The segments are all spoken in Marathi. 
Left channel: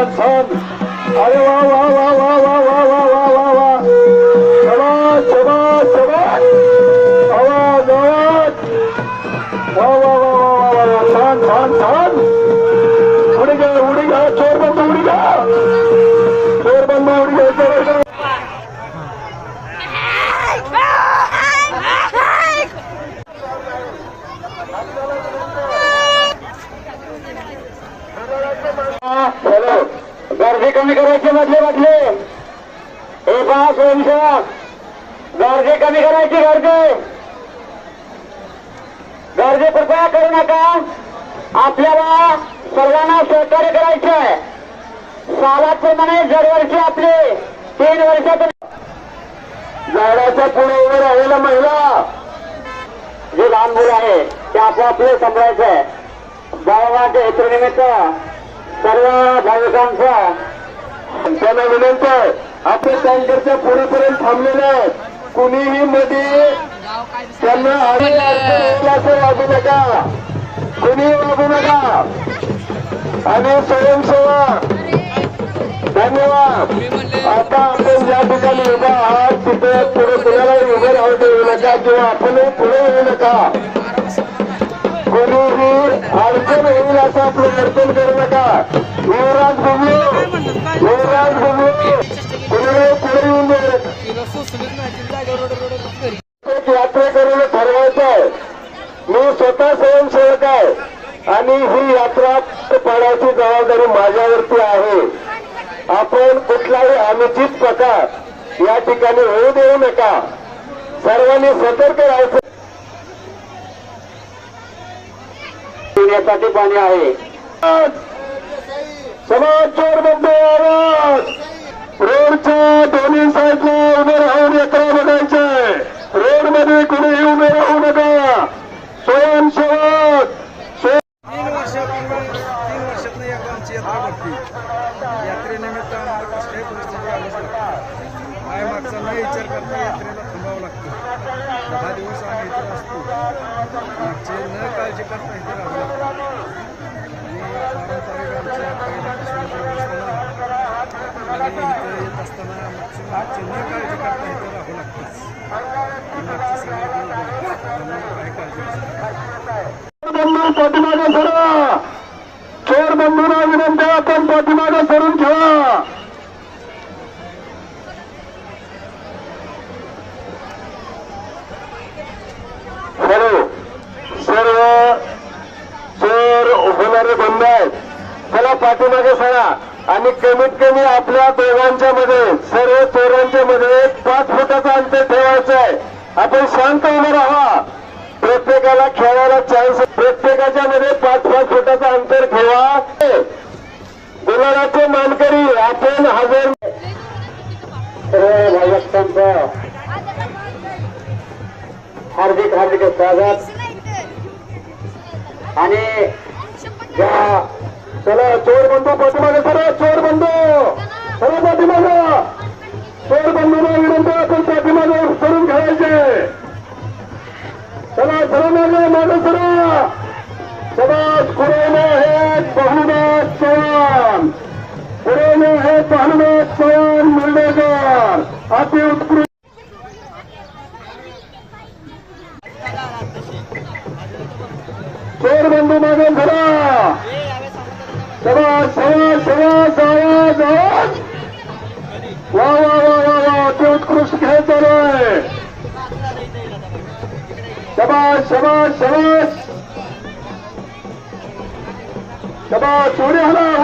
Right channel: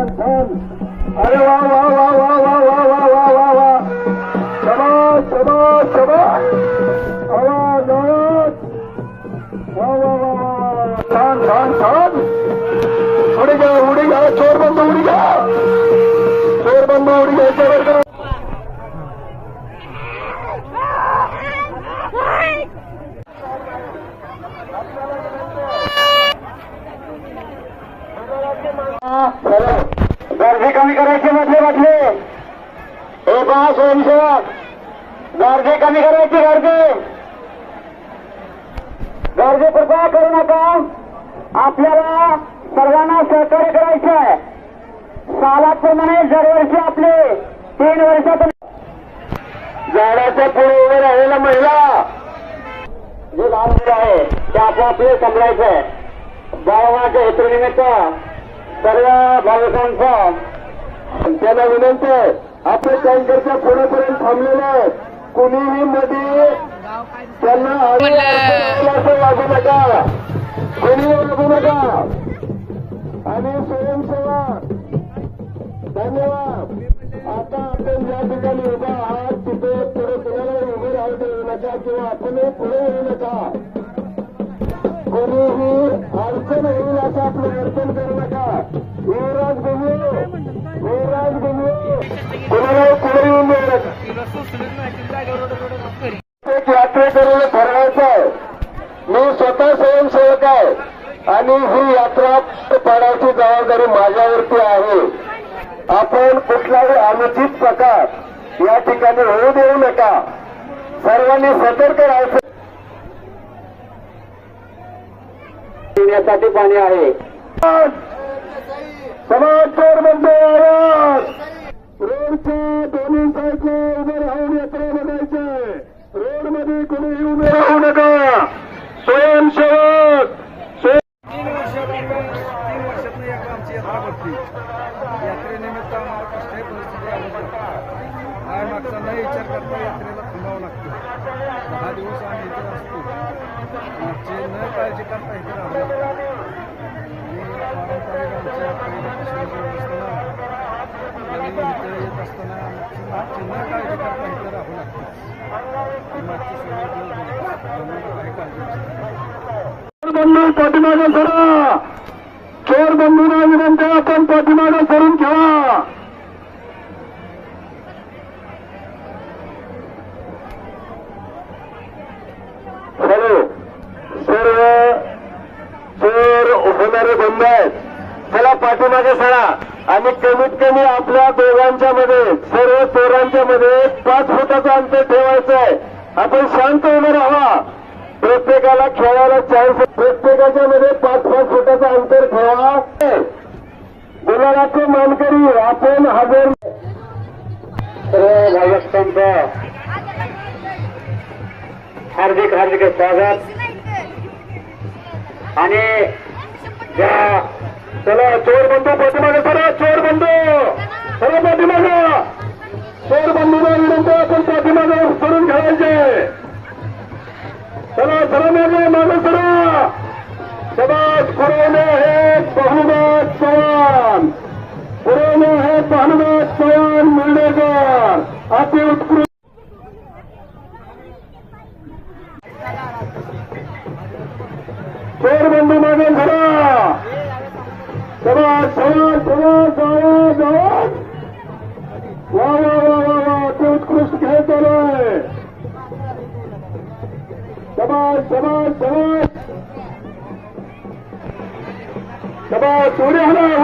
छान छान. अरे वा वा वा वा वा वा वा वा वा वा. शबाश शबाश शबाश. आवाज आवाज. वा वा वा वा. छान छान छान. उडी घ्या चोर बंद उडी घ्या. चोर बंद उडी घ्या. गर्दी कमी करायचे म्हटले हे पहा स्वयंसेवा गर्दी कमी करायची. गर्दी कृपया करू नका. आपल्याला सर्वांना सहकार्य करायचं आहे. सालाप्रमाणे दरवर्षी आपले 3 वर्षात झाडाच्या पुढे उभे राहिलेल्या महिला जे लहान मुलं आहे ते आपापले समजायचं आहे. बाळाच्या हेतूनिमित्त सर्व भाविकांचा त्यांना विनंती आहे. आपण काउंटरच्या पुढेपर्यंत थांबलेलं कुणीही मध्ये त्यांना वागू नका. कुणीही वागू नका. आणि स्वयंसेवा धन्यवाद. आता आपण ज्या ठिकाणी उभा आहात तिथे पुढे कुणालाही उभे राहू देऊ नका किंवा आपणही पुढे येऊ नका. कोणीही अडचण होईल असं आपलं वर्तन करू नका. युवराज कोणालाही पुढे येऊन देऊ नका. एक यात्रेकरूला ठरवायचं आहे. मी स्वतः स्वयंसेवक आहे आणि ही यात्रा पाडायची जबाबदारी माझ्यावरती आहे. आपण कुठलाही अनुचित प्रकार या ठिकाणी होऊ देऊ नका. सर्वांनी सतर्क राहायचं. पिण्यासाठी पाणी आहे. समाज चोर बंद आवाज. रोडच्या दोन्ही साईडला उभे राहून यात्रा बघायचे. रोडमध्ये कुणीही उभे राहू नका. स्वयंसेवक 3 वर्षातनं एकदा आमची यात्रा भरती. यात्रेनिमित्त आम्हाला कसल्याही परिस्थिती आलीच लागते. काय मागचा न विचार करता यात्रेला थांबावं लागतं. 10 दिवस आम्ही इथं असतो. मागचे न काळजी करता इथं राहावं लागतं. आणि पारंपरिक आमच्या पहिल्यापासून व्यवस्थाना आणि इथं येत असताना मागची न काळजी करता इथं राहावं लागतं. मागचे सगळे आम्हाला काही काळजी नसते. बंधू पाठीमागे सरा. चोर बंधूंना विनंती आपण पाठीमागे सरून ठेवा. सर्व चोर होणारे बंद आहेत. त्याला पाठीमागे सरा. आणि कमीत कमी आपल्या दोघांच्या मध्ये सर्व चोरांच्या मध्ये 5 फुटाचं अंतर ठेवायचं आहे. आपण शांत उभं राहा. प्रत्येकाला खेळायला चान्स. प्रत्येकाच्या मध्ये 5-5 फुटाचं अंतर ठेवा. गुलालाचे मानकरी आपण हजर. सर्व भाविकांचं हार्दिक हार्दिक स्वागत. आणि चला चोर बंधू पाठीमागे सरा. चोर बंधू सर्व पाठीमागे. चोर बंधूला विनंती आपण पाठीमागे करून ठेवायचे. चला सर्व मागे सरा. समाज पुरेने हे बहुमत चव्हाण. पुरेने हे बहुमत चव्हाण मिळणेकर अति उत्कृष्ट. चोर बंधू मागे सरा. समाज समाज समाज समाज आवाज. वा वा वा वा. अति उत्कृष्ट खेळ चालू आहे. शबाश शबाश शबाश. शबाश. उड्या हला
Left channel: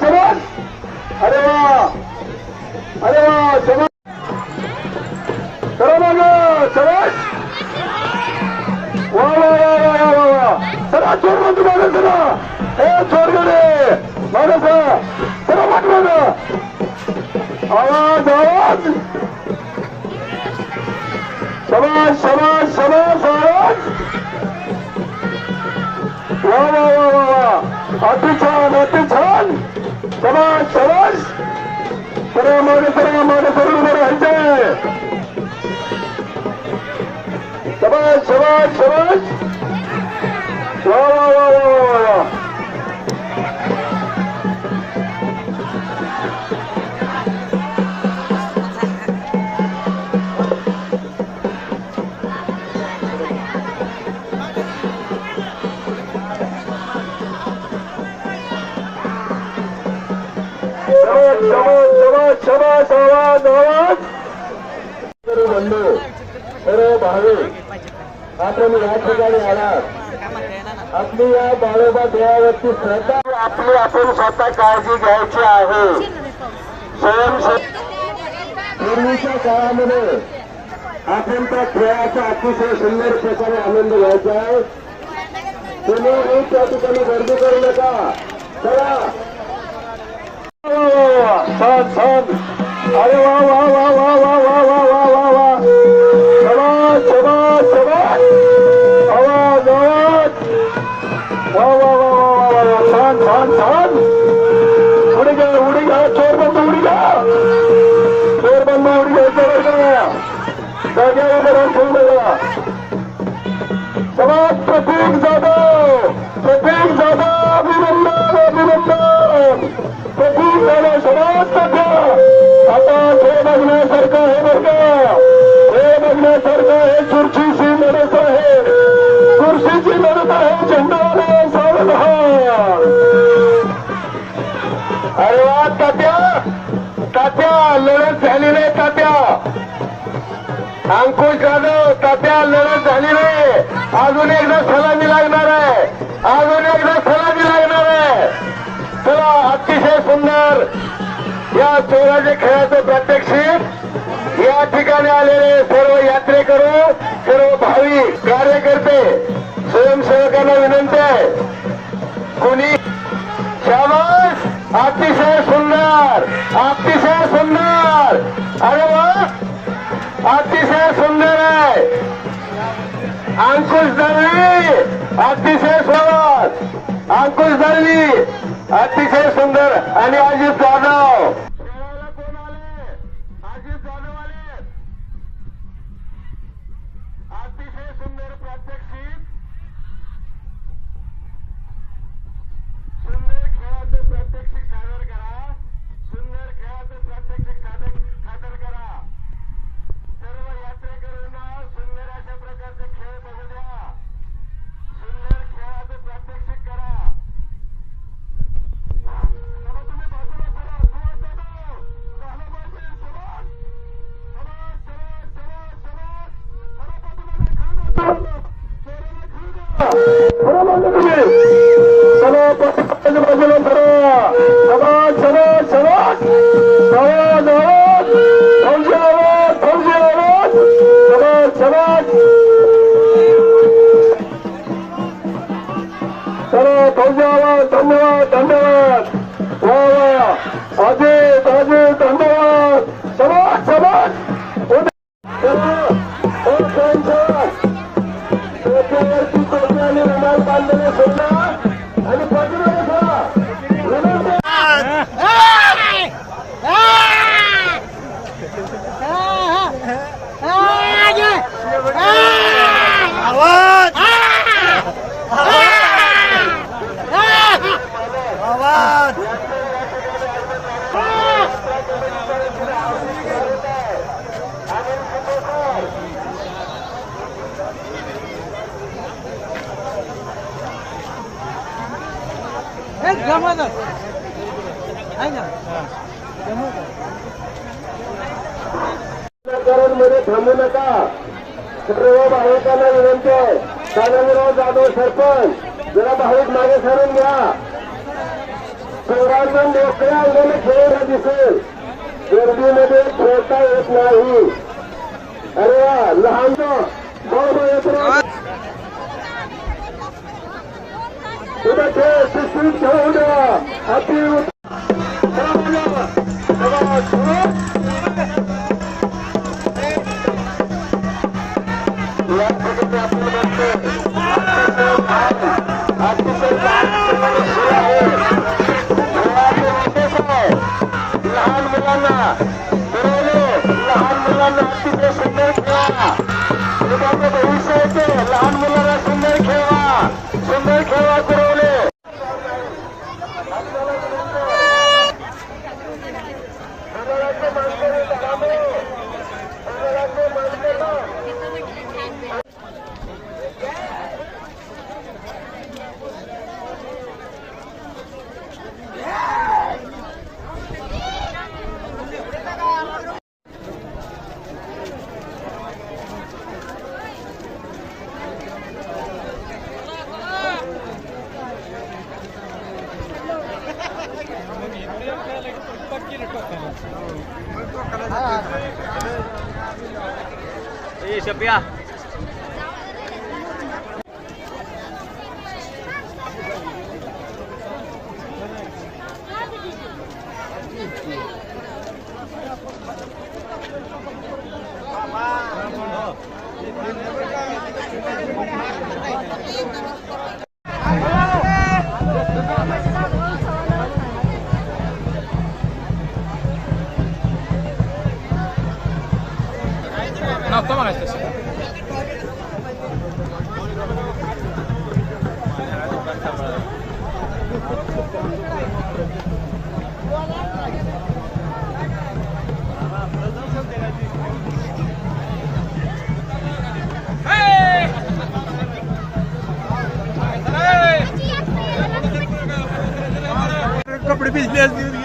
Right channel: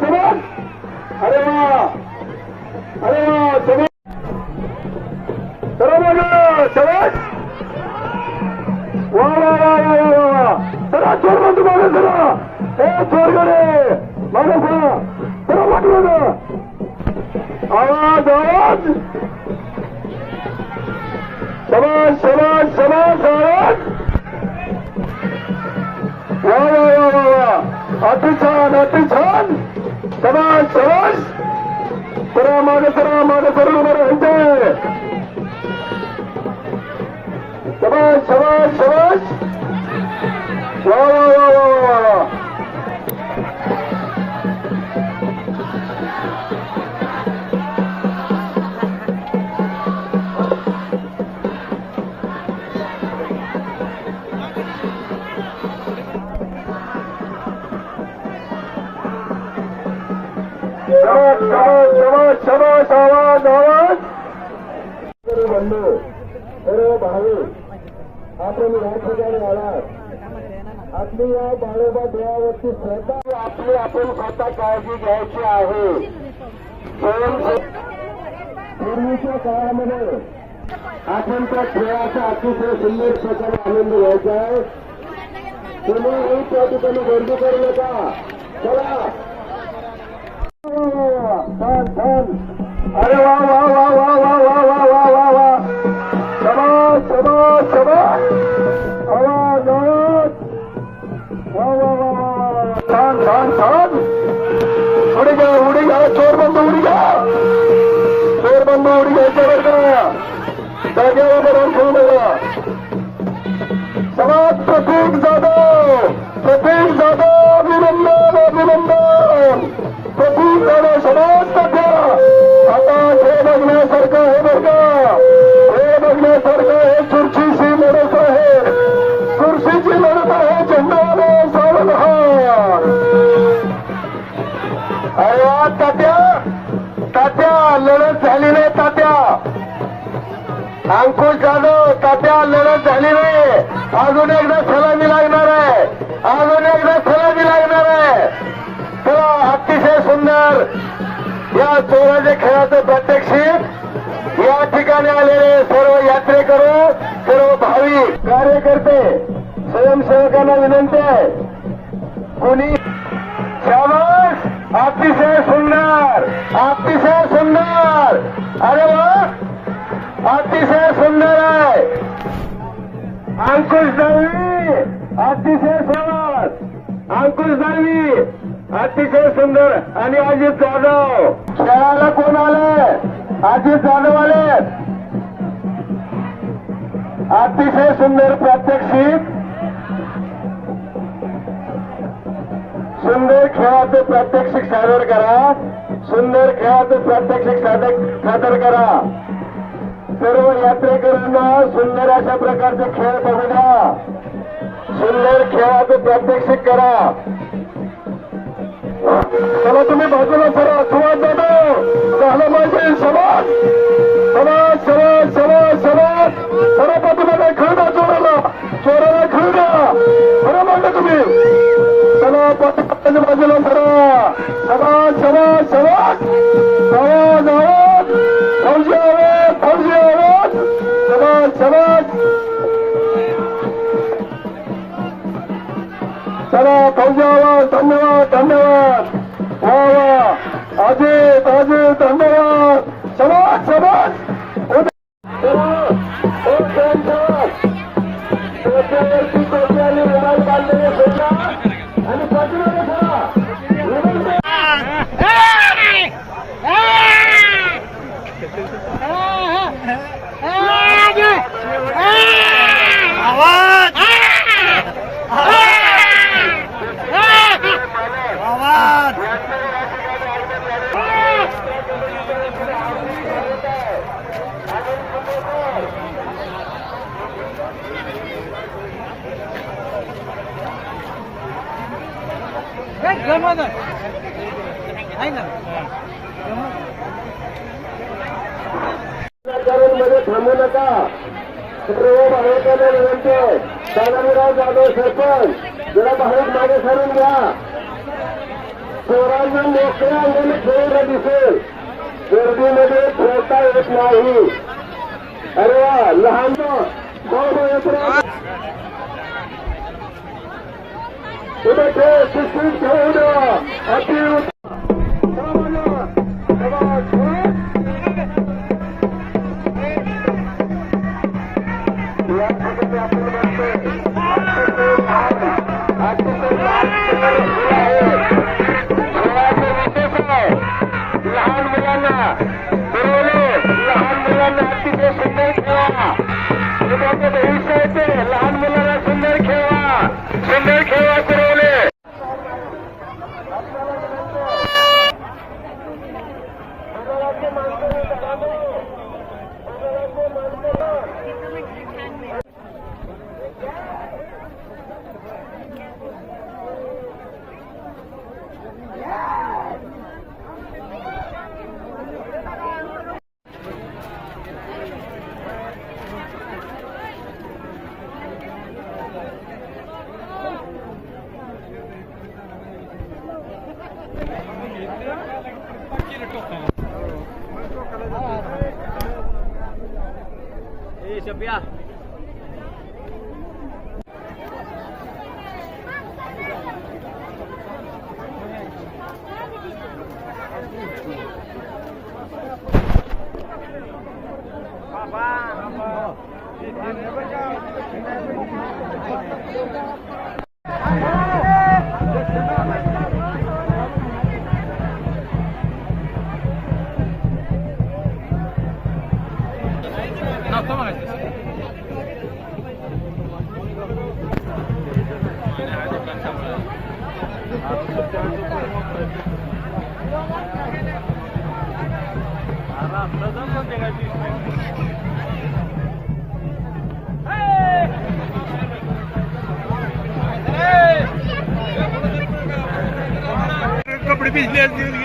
शबाश. अरे वा अरे वा. शबाश. सर्व मागे शबाश. वा वा वा वा वा. चला चोर बंधू मागे चला. हे चोर गे मागे चला. सर्व मागे आवाज आवाज. शबाश शबाश शबाश आवाज. वा वा वा वा. अति छान अति छान. शबाश शबाश. सरा मागे सरून उभं राहायचं. शबाश शबाश शबाश. वा वा वा वा वा. बंधू सर्व भाविक आपण या ठिकाणी आलात. आपली या बाळोबा देवावरची श्रद्धा आपली आपण स्वतः काळजी घ्यायची आहे. पूर्वीच्या काळामध्ये आपण त्या खेळाचा अतिशय सुंदर प्रकारे आनंद घ्यायचा आहे. तुम्ही त्या ठिकाणी गर्दी करू नका. चला अरे वा वा वा वा वा वा वा वा वा वा शबाश शबाश शबाश छान छान छान उडी घ्या चोर बंधू उडी घ्या चोर बंधू उडी घ्यायचं जागे उभं ठेवलं. समाज प्रतीक जाधव अभिनंदन अभिनंदन प्रतीक जाधव समाज आता हे बघण्यासारखं हे बघा हे बघण्यासारखं हे खुर्चीची लढत आहे. खुर्चीची लढत आहे. झेंडाने सावधान. अरे वा तात्या लढत झाली नाही. तात्या अंकुश जाधव तात्या लढत झाली नाही. अजून एकदा सलामी लागणार आहे. अजून एकदा सलामी लागणार आहे. चला अतिशय सुंदर या चोराच्या खेळाचं प्रात्यक्षिक या ठिकाणी आलेले सर्व यात्रेकरू सर्व भाविक कार्यकर्ते स्वयंसेवकांना विनंती आहे. कुणी शाबास अतिशय सुंदर अतिशय सुंदर. अरे वा अतिशय सुंदर आहे. अंकुश दळवी अतिशय सुंदर. अंकुश दळवी अतिशय सुंदर. आणि अजित जाधव खेळायला कोण आले? अजित जाधव आले. अतिशय सुंदर प्रात्यक्षिक. सुंदर खेळाचं प्रात्यक्षिक सादर करा. सुंदर खेळाचं प्रात्यक्षिक सादर करा. सर्व यात्रेकरांना सुंदर अशा प्रकारचे खेळ बघू द्या. सुंदर खेळाचं प्रात्यक्षिक करा. चला तुम्ही बाजूला सरा. सुवास जाधव झालं पाहिजे. समाज समाज समाज समाज समाज सर्व पाठीमागे खेळ द्या. चोराला खेळ द्या. खरं मागं तुम्ही चला बाजूला सरा. समाज समाज समाज आवाज आवाज फौजी आवाज फौजी आवाज समाज समाज. चला फौजी आवाज. धन्यवाद धन्यवाद. वा वा अजित अजित धन्यवाद. समाज समाज आणि रुमाल बांधलेले सोडला आणि बाजूला बसा. मध्ये थांबू नका. सर्व भाविकांना विनंती आहे. दादाराव जाधव सरपंच जरा भाविक मागे सरून घ्या. चोरांना मोकळ्या अंगाने खेळायला दिसेल. गर्दीमध्ये खेळता येत नाही. अरे वा लहान कुठे खेळ शिस्तीत खेळू द्या. अति लहान मुलांना अतिशय सुंदर खेळा. भविष्य येते. लहान मुलांना सुंदर खेळा. सुंदर खेळा पुरवले. कपडे भिजले असतील.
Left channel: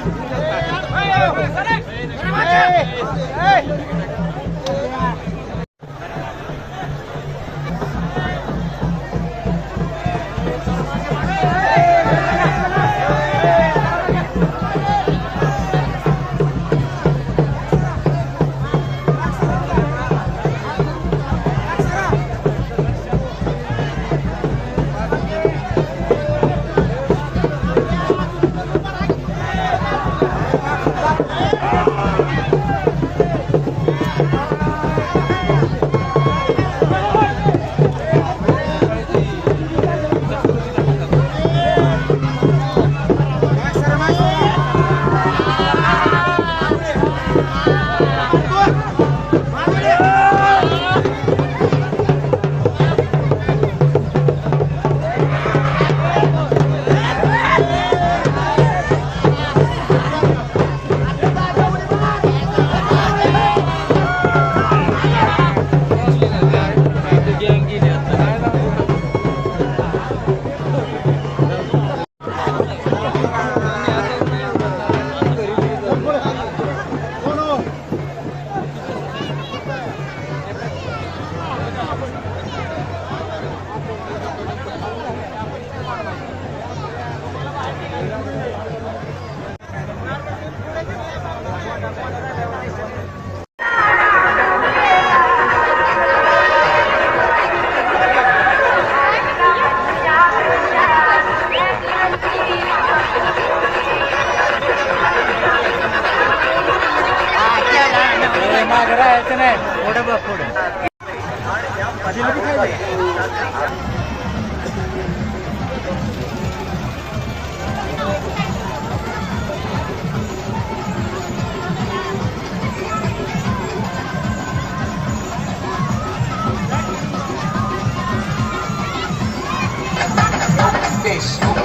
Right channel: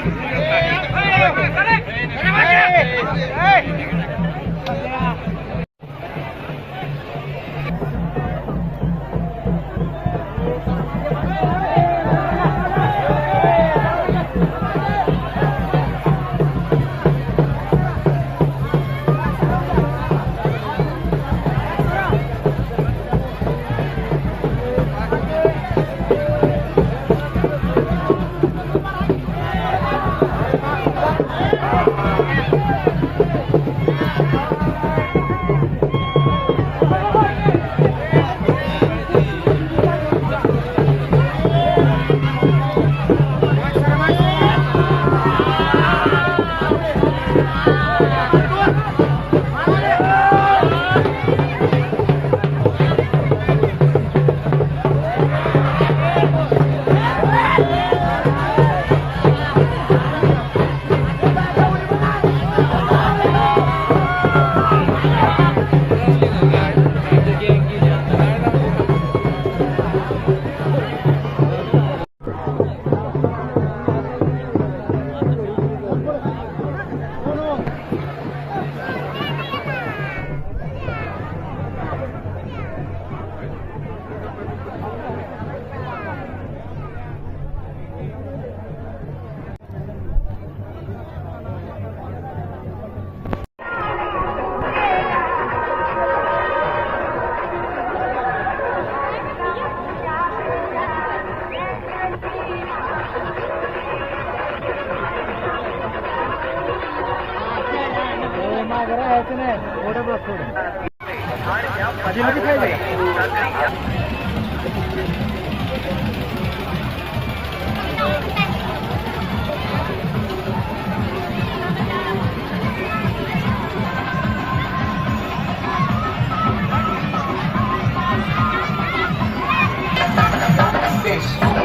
मागे राहायचं नाही. पुढे बघ पुढे. This